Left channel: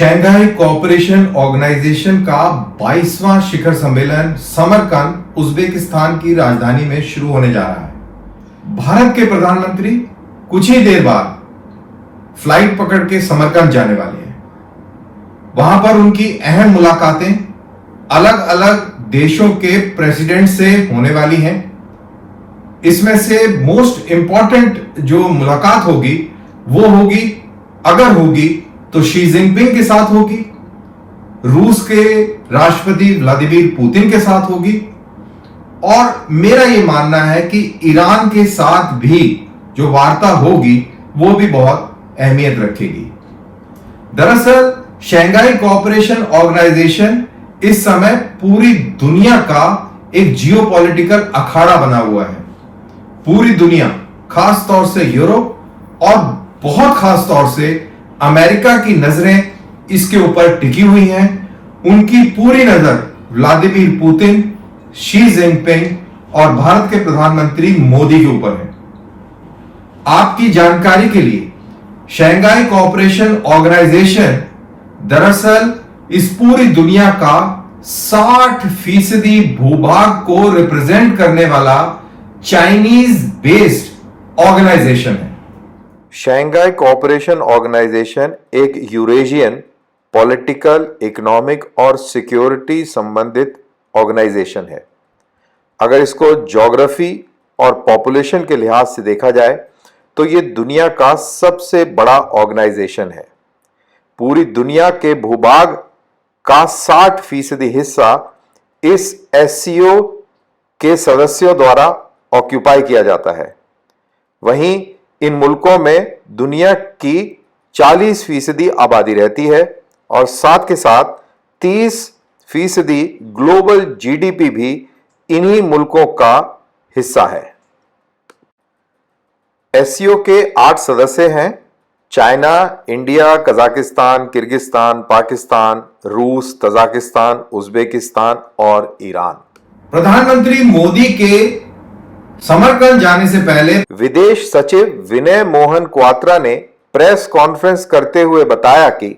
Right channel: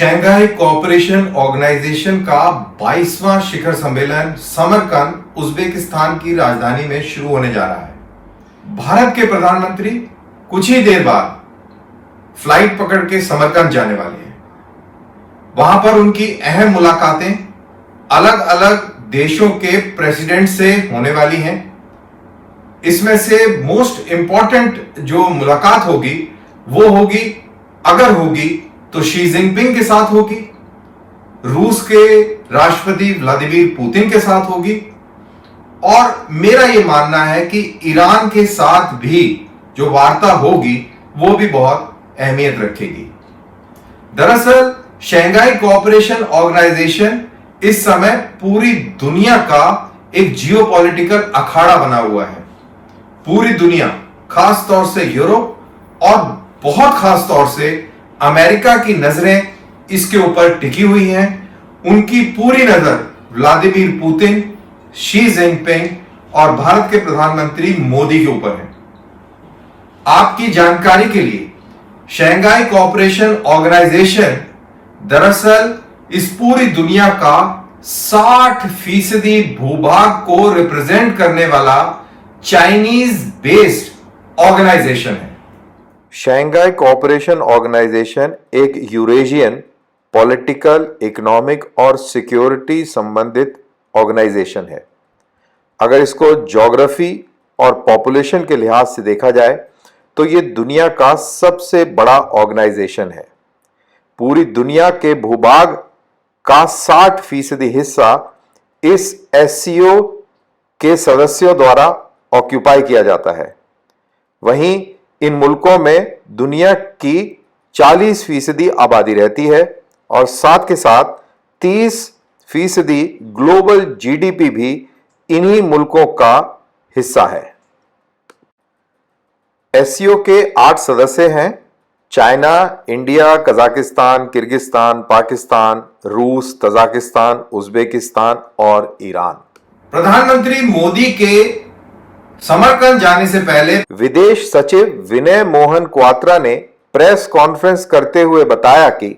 Shanghai cooperation organisation का 22वां शिखर सम्मेलन Samarkand Uzbekistan की राजधानी में शुरू होने जा रहा है। भारत के प्रधानमंत्री कुछ ही देर बाद फ्लाइट पकड़ के समरकंद जाने वाले हैं। वहां पर उनकी अहम मुलाकातें अलग अलग देशों के प्रेसिडेंट से होने वाली हैं। इसमें से मोस्ट इंपॉर्टेंट जो मुलाकात होगी वो होगी, अगर होगी तो शी जिनपिंग के साथ होगी, रूस के राष्ट्रपति व्लादिमीर पुतिन के साथ होगी और मेरा यह मानना है कि ईरान के साथ भी जो वार्ता होगी वो भी बहुत अहमियत रखेगी। दरअसल शंघाई कोऑपरेशन ऑर्गेनाइजेशन इस समय पूरी दुनिया का एक जियोपॉलिटिकल अखाड़ा बना हुआ है। पूरी दुनिया, खास तौर से यूरोप और बहुत खास तौर से अमेरिका की नजरें इसके ऊपर टिकी हुई हैं। उनकी पूरी नजर व्लादिमीर पुतिन, शी जिनपिंग और भारत के प्रधानमंत्री मोदी के ऊपर है। आपकी जानकारी के लिए शंघाई कोऑपरेशन ऑर्गेनाइजेशन दरअसल इस पूरी दुनिया का 60% भूभाग को रिप्रेजेंट करने वाला चाइनीज बेस्ड ऑर्गेनाइजेशन है। शंघाई कोऑपरेशन ऑर्गेनाइजेशन एक यूरेशियन पॉलिटिकल, इकोनॉमिक और सिक्योरिटी संबंधित ऑर्गेनाइजेशन है। अगर इसको ज्योग्राफी और पॉपुलेशन के लिहाज से देखा जाए तो ये दुनिया का सबसे बड़ा ऑर्गेनाइजेशन है। पूरी दुनिया के भूभाग का 60% हिस्सा इस एससीओ के सदस्यों द्वारा ऑक्यूपाई किया जाता है। वहीं इन मुल्कों में दुनिया की 40% आबादी रहती है और साथ के साथ 30% ग्लोबल जीडीपी भी इन्हीं मुल्कों का हिस्सा है। एससीओ के 8 सदस्य हैं: China, India, Kazakhstan, Kyrgyzstan, Pakistan, रूस, तजाकिस्तान, उज्बेकिस्तान और ईरान। प्रधानमंत्री मोदी के समरकंद जाने से पहले विदेश सचिव विनय मोहन क्वात्रा ने प्रेस कॉन्फ्रेंस करते हुए बताया कि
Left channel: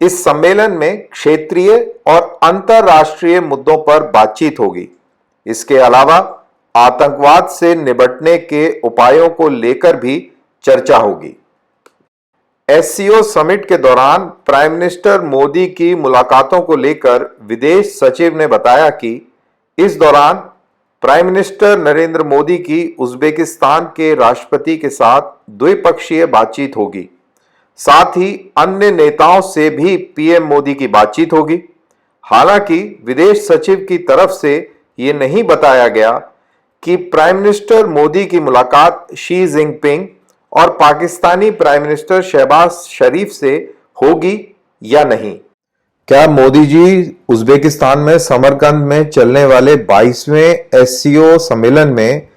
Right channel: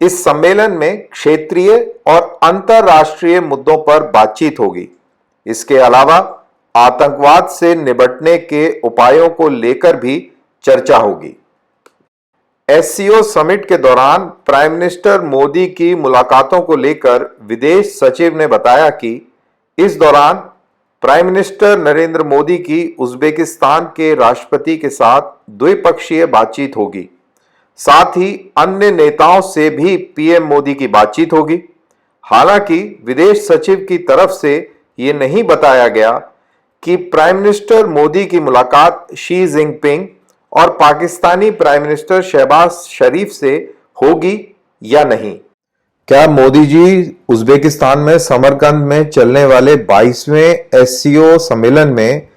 इस सम्मेलन में क्षेत्रीय और अंतर्राष्ट्रीय मुद्दों पर बातचीत होगी। इसके अलावा आतंकवाद से निपटने के उपायों को लेकर भी चर्चा होगी। एससीओ समिट के दौरान प्राइम मिनिस्टर मोदी की मुलाकातों को लेकर विदेश सचिव ने बताया कि इस दौरान प्राइम मिनिस्टर नरेंद्र मोदी की उज्बेकिस्तान के राष्ट्रपति के साथ द्विपक्षीय बातचीत होगी। साथ ही अन्य नेताओं से भी पीएम मोदी की बातचीत होगी। हालांकि विदेश सचिव की तरफ से ये नहीं बताया गया कि प्राइम मिनिस्टर मोदी की मुलाकात शी जिनपिंग और पाकिस्तानी प्राइम मिनिस्टर शहबाज शरीफ से होगी या नहीं। क्या मोदी जी उज्बेकिस्तान में समरकंद में चलने वाले 22वें एससीओ सम्मेलन में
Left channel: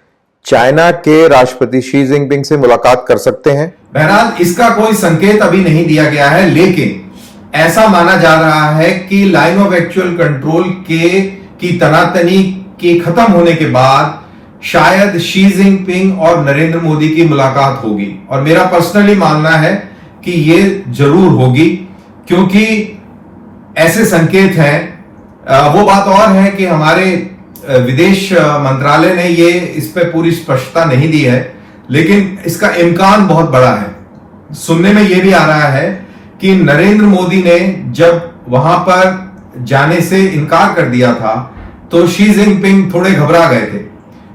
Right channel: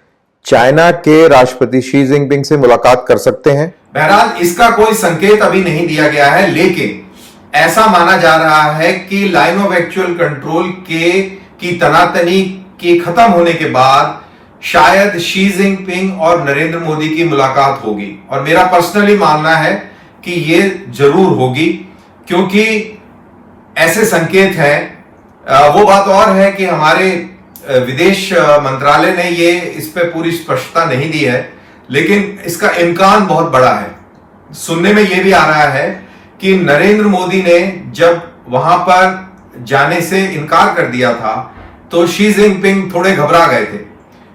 चाइना के राष्ट्रपति शी जिनपिंग से मुलाकात कर सकते हैं? बहरहाल इसका कोई संकेत अभी नहीं दिया गया है, लेकिन ऐसा माना जा रहा है कि लाइन ऑफ एक्चुअल कंट्रोल की तनातनी के खत्म होने के बाद शायद शी जिनपिंग और नरेंद्र मोदी की मुलाकात होगी। और मेरा पर्सनली मानना है कि ये जरूर होगी, क्योंकि ऐसे संकेत हैं। वो बात और है कि हमारे विदेश मंत्रालय ने ये इस पे पूरी स्पष्टता नहीं दी है, लेकिन इसका इम्कान बहुत बड़ा है। सुनने में ये भी आ रहा है कि नरेंद्र मोदी ने जब वहां पर जाने से इनकार कर दिया था तो शी जिनपिंग थोड़े घबरा गए थे,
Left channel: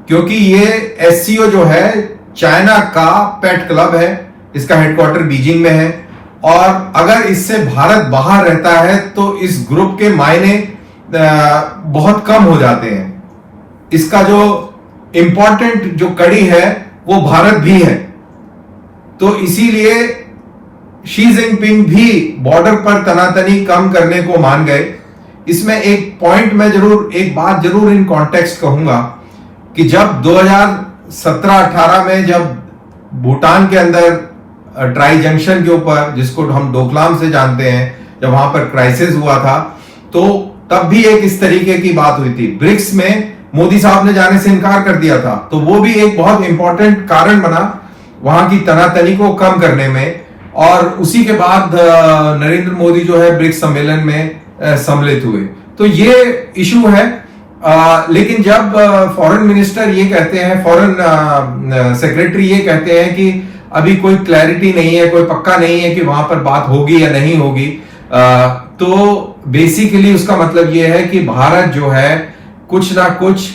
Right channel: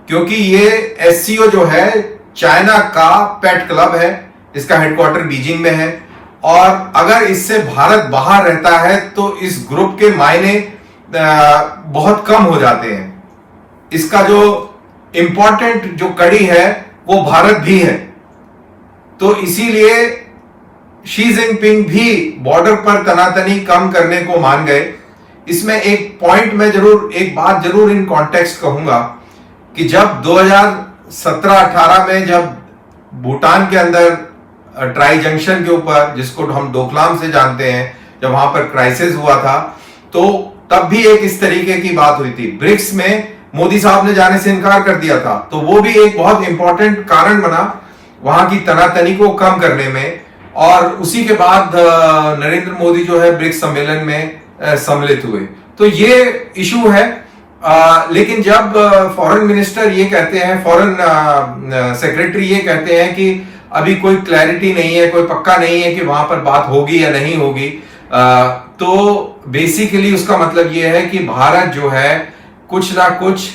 क्योंकि ये एससीओ जो है चाइना का पेट क्लब है। इसका हेडक्वार्टर बीजिंग में है और अगर इससे भारत बाहर रहता है तो इस ग्रुप के मायने बहुत कम हो जाते हैं। इसका जो इंपॉर्टेंट जो कड़ी है वो भारत भी है। तो इसीलिए शी जिनपिंग भी बॉर्डर पर तनातनी कम करने को मान गए। इसमें एक पॉइंट में जरूर, एक बात जरूर इन कॉन्टेक्स्ट कहूंगा कि जब 2017-18 में जब भूटान के अंदर ट्राई जंक्शन के ऊपर, जिसको हम डोकलाम से जानते हैं, जब वहां पर क्राइसिस हुआ था तो तब भी एक इस तरीके की बात हुई थी। ब्रिक्स में मोदी साहब ने जाने से इनकार कर दिया था, तो वो भी एक बहुत इंपॉर्टेंट कारण बना वहां की तनातनी को कम करने में और उसी के बाद नरेंद्र मोदी जो है ब्रिक्स सम्मेलन में सम्मिलित हुए। तो ये इशू है। लेकिन जब फॉरेन मिनिस्टर ये कहते हैं, फॉरेन सेक्रेटरी ये कहते हैं कि अभी कोई क्लैरिटी नहीं है, कोई पक्का नहीं है कि वहां पर बात होगी या नहीं होगी, तो बेसिकली उसका मतलब ये है कि भारत जो है कुछ ना कुछ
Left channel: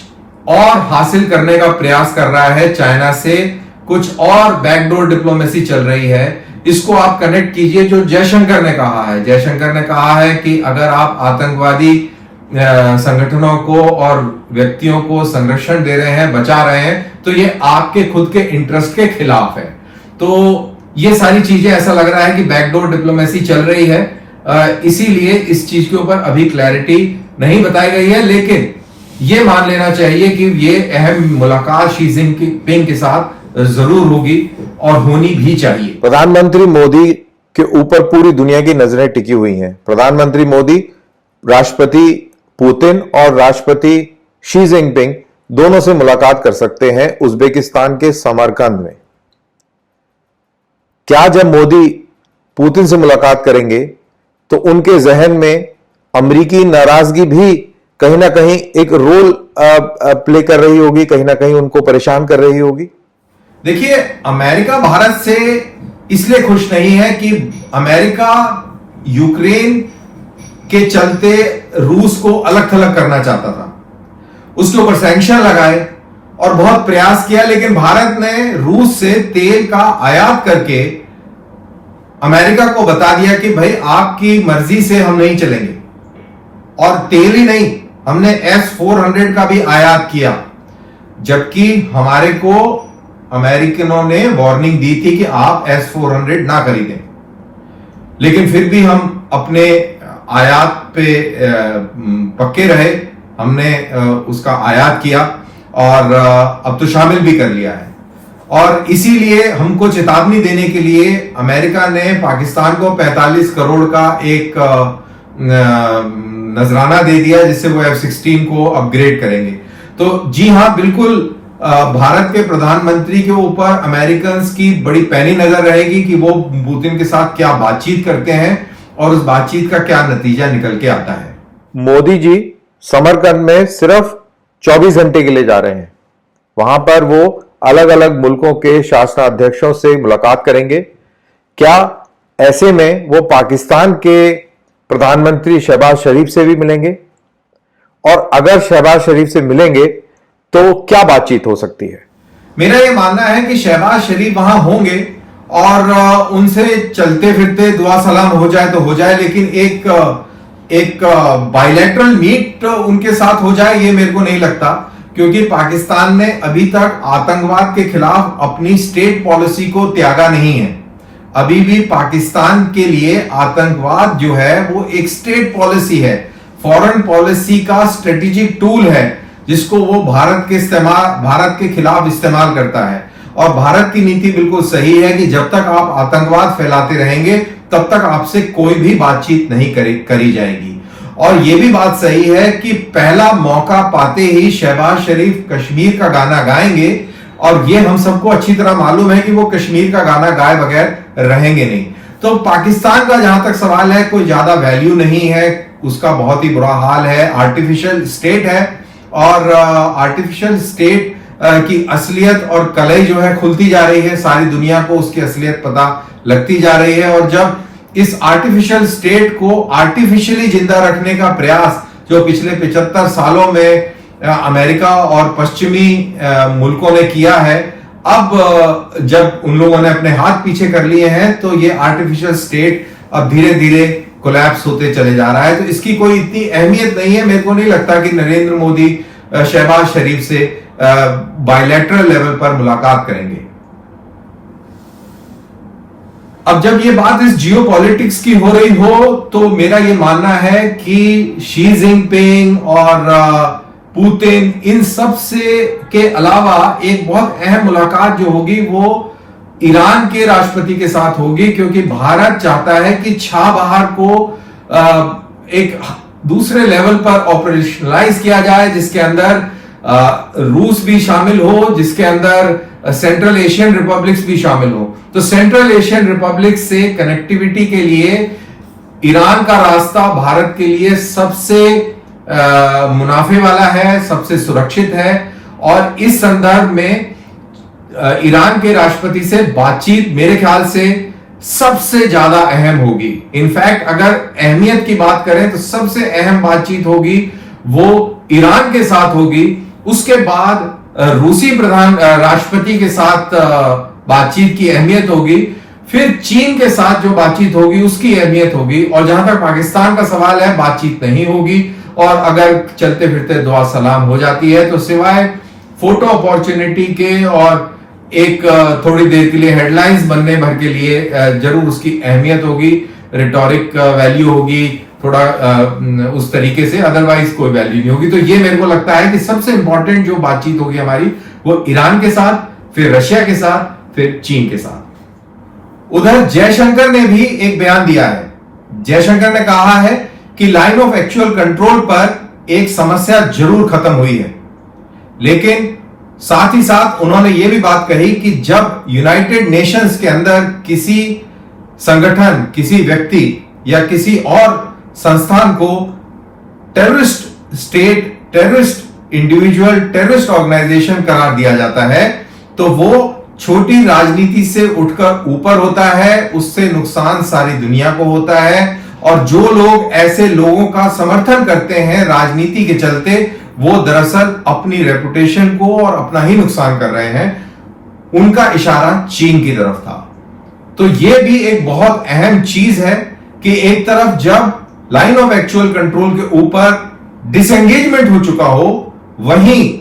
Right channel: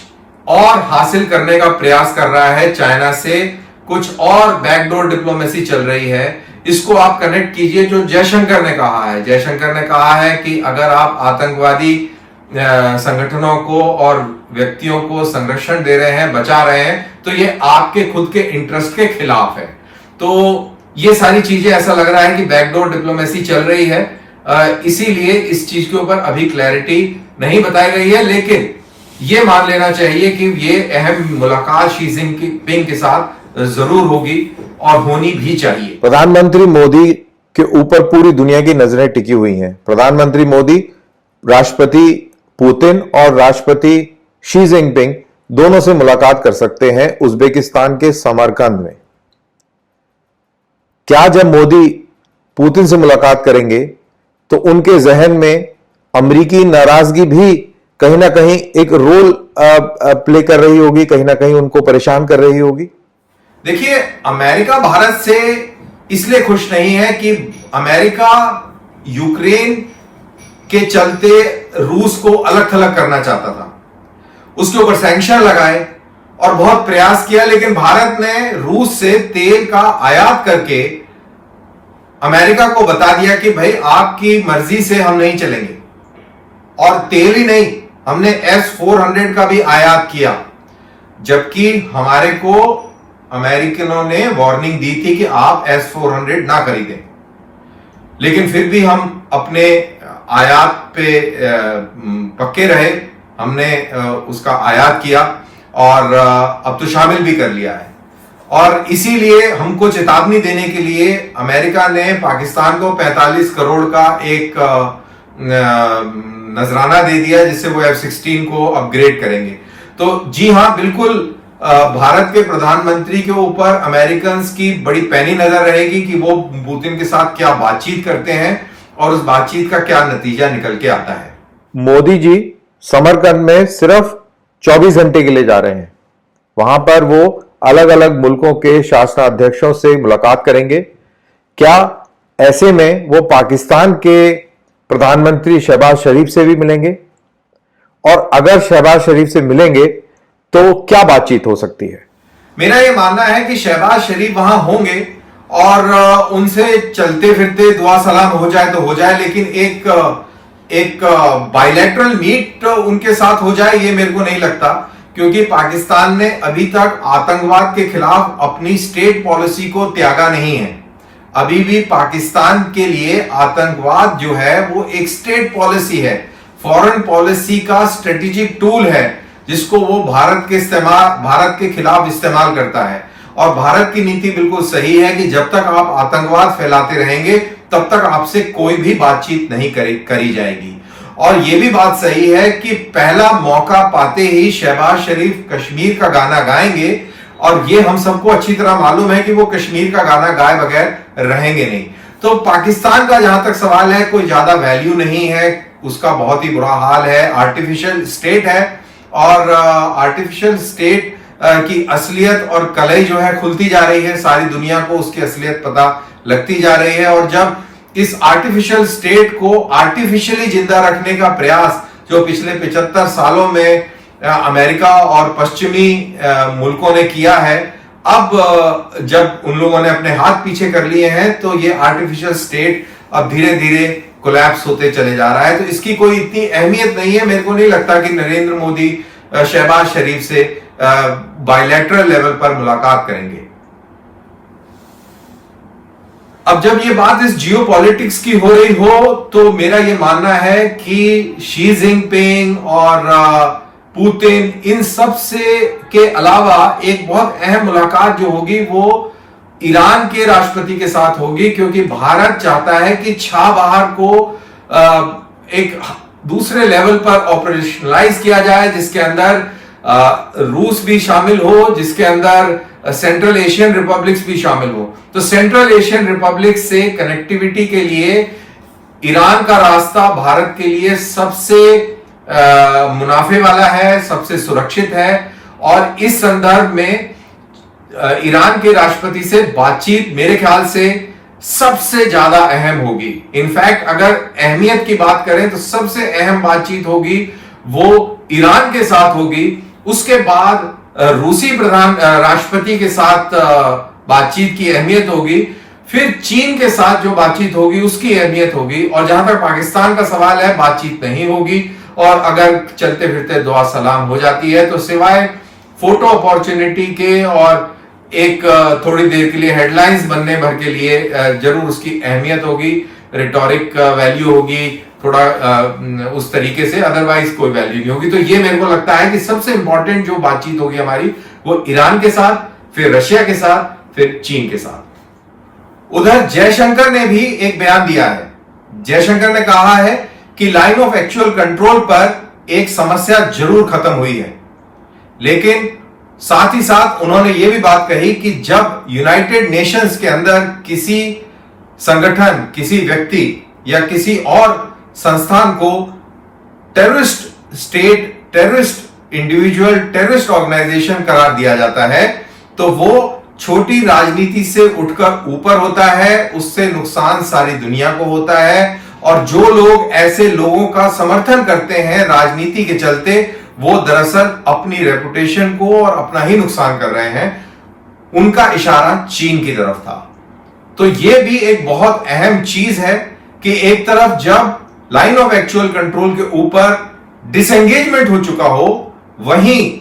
और हासिल करने का प्रयास कर रहा है चाइना से, कुछ और बैकडोर डिप्लोमेसी चल रही है। इसको आप कनेक्ट कीजिए जो जयशंकर ने कहा है। जयशंकर ने कहा है कि अगर आप आतंकवादी संगठनों को और व्यक्तियों को संरक्षण दे रहे हैं, बचा रहे हैं, तो ये आपके खुद के इंटरेस्ट के खिलाफ है। तो ये सारी चीजें ऐसा लग रहा है कि बैकडोर डिप्लोमेसी चल रही है, इसीलिए इस चीज के ऊपर अभी क्लैरिटी नहीं बताई गई है। लेकिन ये मान लेना चाहिए कि ये अहम मुलाकात शी जिनपिंग के साथ जरूर होगी और होनी भी चाहिए। प्रधानमंत्री मोदी के ऊपर पूरी दुनिया की नजरें टिकी हुई हैं। प्रधानमंत्री मोदी राष्ट्रपति पुतिन और राष्ट्रपति शी जिनपिंग दोनों से मुलाकात कर सकते हैं उज्बेकिस्तान के समरकंद में। क्या जब मोदी पुतिन से मुलाकात करेंगे तो उनके जहन में अमेरिकी नाराजगी भी कहीं ना कहीं एक रोल प्ले कर रही होगी, कहीं ना कहीं उनको परेशान कर रही होगी? देखिए, अमेरिका भारत से इसलिए खुश नहीं है कि अमेरिका यूक्रेन के चलते रूस को अलग थलग करना चाहता था, उसके ऊपर सैंक्शन लगाए और बहुत प्रयास किया, लेकिन भारत ने रूस से तेल का आयात करके अमेरिका को बता दिया कि भाई आपकी मर्जी से हम नहीं चलेंगे। और तेल ही नहीं, हमने S-400 का भी आयात किया, जबकि हमारे को अमेरिकनों ने वार्निंग दी थी कि आप S-400 ना खरीदें, लेकिन फिर भी हम अपने आयात पे पक्के रहे। हमने उसका आयात किया और अब तो शामिल भी कर लिया है। और इसीलिए हमको चेतावनी देने के लिए अमेरिका ने पाकिस्तान को 45 करोड़ का एक नजराना दे दिया, जिससे वो F-16 को अपग्रेड करेंगे। तो जी हां, बिल्कुल भारत के प्रधानमंत्री के ऊपर अमेरिकन की बड़ी पैनी नजर रहेगी कि वो पुतिन के साथ क्या बातचीत करते हैं और उस बातचीत का क्या नतीजा निकल के आता है। मोदी जी समरकंद में सिर्फ 24 घंटे के लिए जा रहे हैं। वहां पर वो अलग अलग मुल्कों के शासनाध्यक्षों से मुलाकात करेंगे। क्या ऐसे में वो पाकिस्तान के प्रधानमंत्री शहबाज शरीफ से भी मिलेंगे? और अगर शहबाज शरीफ से मिलेंगे तो क्या बातचीत हो सकती है? मेरा यह मानना है कि शहबाज शरीफ वहां होंगे और उनसे चलते फिरते दुआ सलाम हो जाए तो हो जाए, लेकिन एक बायलैटरल मीट उनके साथ हो जाए ये मेरे को नहीं लगता, क्योंकि पाकिस्तान ने अभी तक आतंकवाद के खिलाफ अपनी स्टेट पॉलिसी को त्यागा नहीं है। अभी भी पाकिस्तान के लिए आतंकवाद जो है वो एक स्टेट पॉलिसी है, फॉरेन पॉलिसी का स्ट्रेटेजिक टूल है, जिसको वो भारत के खिलाफ इस्तेमाल करता है। और भारत की नीति बिल्कुल सही है कि जब तक आप आतंकवाद फैलाते रहेंगे तब तक आपसे कोई भी बातचीत नहीं करी जाएगी। और यह भी बात सही है कि पहला मौका पाते ही शहबाज शरीफ कश्मीर का गाना गाएंगे, और यह हम सबको अच्छी तरह मालूम है कि वो कश्मीर का गाना गाए बगैर रहेंगे नहीं। तो पाकिस्तान का जहां तक सवाल है, कोई ज्यादा वैल्यू नहीं है, उसका बहुत ही बुरा हाल है, आर्टिफिशियल स्टेट है, और आर्टिफिशियल स्टेट की असलियत और कलई जो है खुलती जा रही है, सारी दुनिया को उसकी असलियत पता लगती जा रही है। और जब इस आर्टिफिशियल स्टेट को आर्टिफिशियली जिंदा रखने का प्रयास जो पिछले 75 सालों में अमेरिका और पश्चिमी मुल्कों ने किया है, अब जब उन लोगों ने अपने हाथ पीछे कर लिए हैं, तो ये आर्टिफिशियल स्टेट अब धीरे धीरे कोलैप्स होते चले जा रहा है। तो इसकी कोई इतनी अहमियत नहीं है। मेरे को नहीं लगता कि नरेंद्र मोदी शहबाज शरीफ से बायलैटरल लेवल पर मुलाकात करेंगे। अब जब ये बात इस जियोपॉलिटिक्स की हो रही हो, तो मेरा ये मानना है कि शी जिनपिंग और पुतिन, इन सब से के अलावा एक बहुत अहम मुलाकात जो होगी वो ईरान के राष्ट्रपति के साथ होगी, क्योंकि भारत चाहता है कि छाबहार को एक दूसरे लेवल पर ऑपरेशनलाइज किया जाए, जिसके अंदर रूस भी शामिल हो, जिसके अंदर सेंट्रल एशियन रिपब्लिक्स भी शामिल हो। तो सेंट्रल एशियन रिपब्लिक से कनेक्टिविटी के लिए ईरान का रास्ता भारत के लिए सबसे मुनाफे वाला है, सबसे सुरक्षित है। और इस संदर्भ में ईरान के राष्ट्रपति से बातचीत मेरे ख्याल से सबसे ज्यादा अहम होगी। इनफैक्ट अगर अहमियत की बात करें तो सबसे अहम बातचीत होगी वो ईरान के साथ होगी। उसके बाद रूसी राष्ट्रपति के साथ बातचीत की अहमियत होगी, फिर चीन के साथ जो बातचीत होगी उसकी अहमियत होगी, और जहां तक पाकिस्तान का सवाल है बातचीत नहीं होगी। और अगर चलते फिरते दुआ सलाम हो जाती है तो सिवाय फोटो अपॉर्चुनिटी के और एक थोड़ी देर के लिए हेडलाइंस बनने भर के लिए जरूर उसकी अहमियत होगी, रिटोरिक वैल्यू होगी थोड़ा उस तरीके से, अदरवाइज कोई वैल्यू नहीं होगी। तो ये मेरे को लगता है कि सबसे इंपॉर्टेंट जो बातचीत होगी हमारी वो ईरान के साथ, फिर रशिया के साथ, फिर चीन के साथ। उधर जयशंकर ने भी एक बयान दिया है। जयशंकर ने कहा है कि लाइन ऑफ एक्चुअल कंट्रोल पर एक समस्या जरूर खत्म हुई है, लेकिन साथ ही साथ उन्होंने यह भी बात कही कि जब यूनाइटेड नेशंस के अंदर किसी संगठन, किसी व्यक्ति या किसी और संस्थान को terrorist state, terrorist individual, terrorist organization करार दिया जाता है तो वो छोटी राजनीति से उठकर ऊपर होता है, उससे नुकसान सारी दुनिया को होता है। और जो लोग ऐसे लोगों का समर्थन करते हैं राजनीति के चलते, वो दरअसल अपनी रेपुटेशन को और अपना ही नुकसान कर रहे हैं। उनका इशारा चीन की तरफ था। तो यह भी एक बहुत अहम चीज है कि एक तरफ जब लाइन ऑफ एक्चुअल कंट्रोल के ऊपर डिसएंगेजमेंट हो चुका हो, वहीं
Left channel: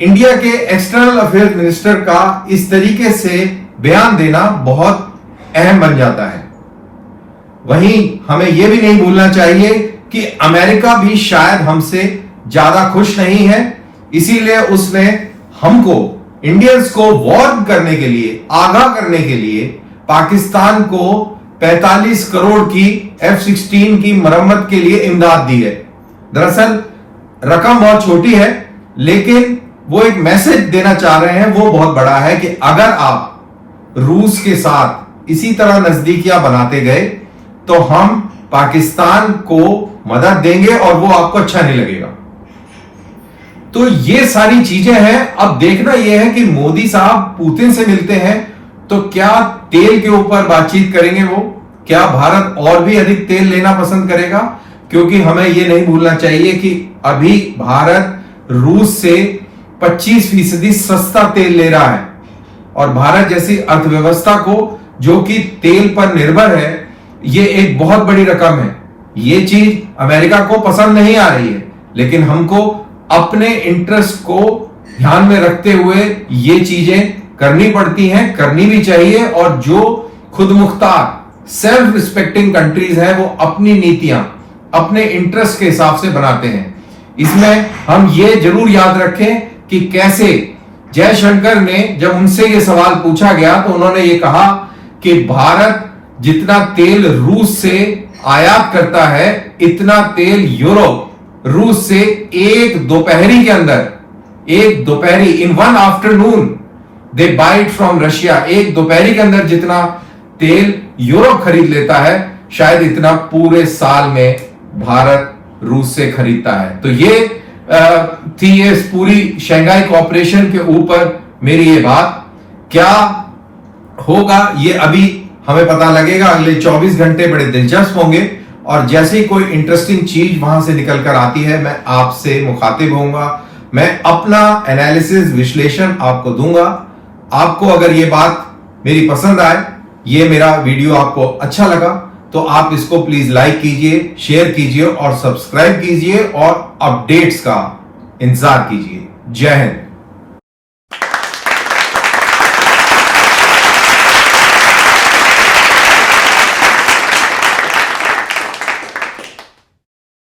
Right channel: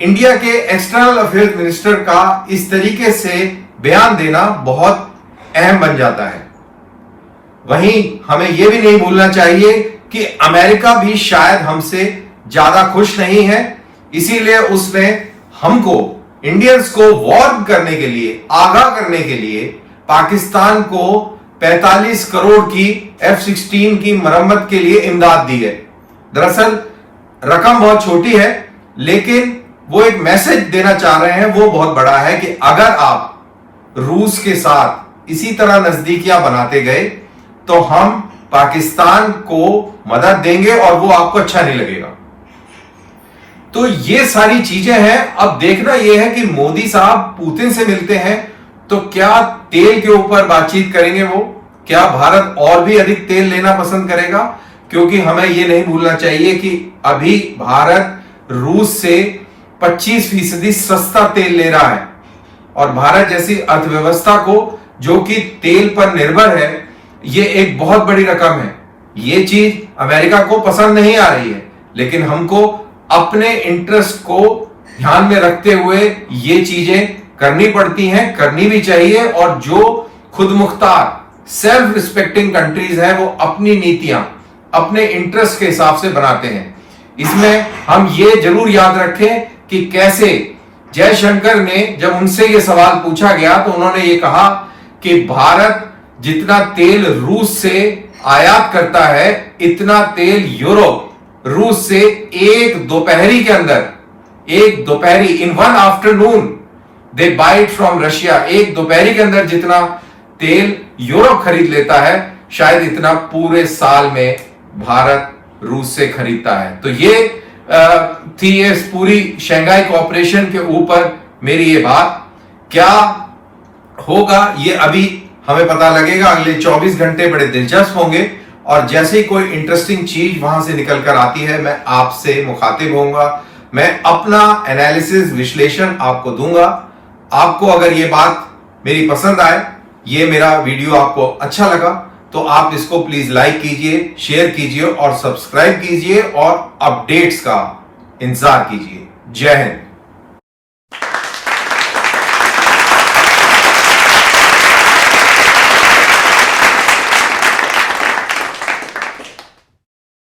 इंडिया के एक्सटर्नल अफेयर्स मिनिस्टर का इस तरीके से बयान देना बहुत अहम बन जाता है। वहीं हमें यह भी नहीं भूलना चाहिए कि अमेरिका भी शायद हमसे ज्यादा खुश नहीं है, इसीलिए उसने हमको, इंडियंस को वार्न करने के लिए, आगाह करने के लिए पाकिस्तान को 45 करोड़ की F-16 की मरम्मत के लिए इमदाद दी है। दरअसल रकम बहुत छोटी है, लेकिन वो एक मैसेज देना चाह रहे हैं, वो बहुत बड़ा है कि अगर आप रूस के साथ इसी तरह नजदीकियां बनाते गए तो हम पाकिस्तान को मदद देंगे और वो आपको अच्छा नहीं लगेगा। तो ये सारी चीजें हैं। अब देखना यह है कि मोदी साहब पुतिन से मिलते हैं तो क्या तेल के ऊपर बातचीत करेंगे वो? क्या भारत और भी अधिक तेल लेना पसंद करेगा? क्योंकि हमें यह नहीं भूलना चाहिए कि अभी भारत रूस से 25% सस्ता तेल ले रहा है, और भारत जैसी अर्थव्यवस्था को जो कि तेल पर निर्भर है, ये एक बहुत बड़ी रकम है। ये चीज अमेरिका को पसंद नहीं आ रही है, लेकिन हमको अपने इंटरेस्ट को ध्यान में रखते हुए ये चीजें करनी पड़ती हैं, करनी भी चाहिए। और जो खुद मुख्तार सेल्फ रिस्पेक्टिंग कंट्रीज है वो अपनी नीतियां अपने इंटरेस्ट के हिसाब से बनाते हैं। इसमें हम ये जरूर याद रखें कि कैसे जयशंकर ने, जब उनसे ये सवाल पूछा गया तो उन्होंने ये कहा कि भारत जितना तेल रूस से आयात करता है, इतना तेल यूरोप रूस से एक दोपहरी के अंदर, एक दोपहरी, in one afternoon they buy it from Russia, एक दोपहरी के अंदर जितना तेल यूरोप खरीद लेता है, शायद इतना पूरे साल में भारत रूस से खरीदता है। तो ये थी ये पूरी शंघाई कोऑपरेशन के ऊपर मेरी ये बात। क्या होगा ये अभी हमें पता लगेगा। अगले 24 घंटे बड़े दिलचस्प होंगे, और जैसे ही कोई इंटरेस्टिंग चीज वहां से निकल कर आती है मैं आपसे मुखातिब होऊंगा, मैं अपना एनालिसिस, विश्लेषण आपको दूंगा। आपको अगर ये बात मेरी पसंद आए, ये मेरा वीडियो आपको अच्छा लगा, तो आप इसको प्लीज लाइक कीजिए, शेयर कीजिए और सब्सक्राइब कीजिए और अपडेट्स का इंतजार कीजिए। जय हिंद।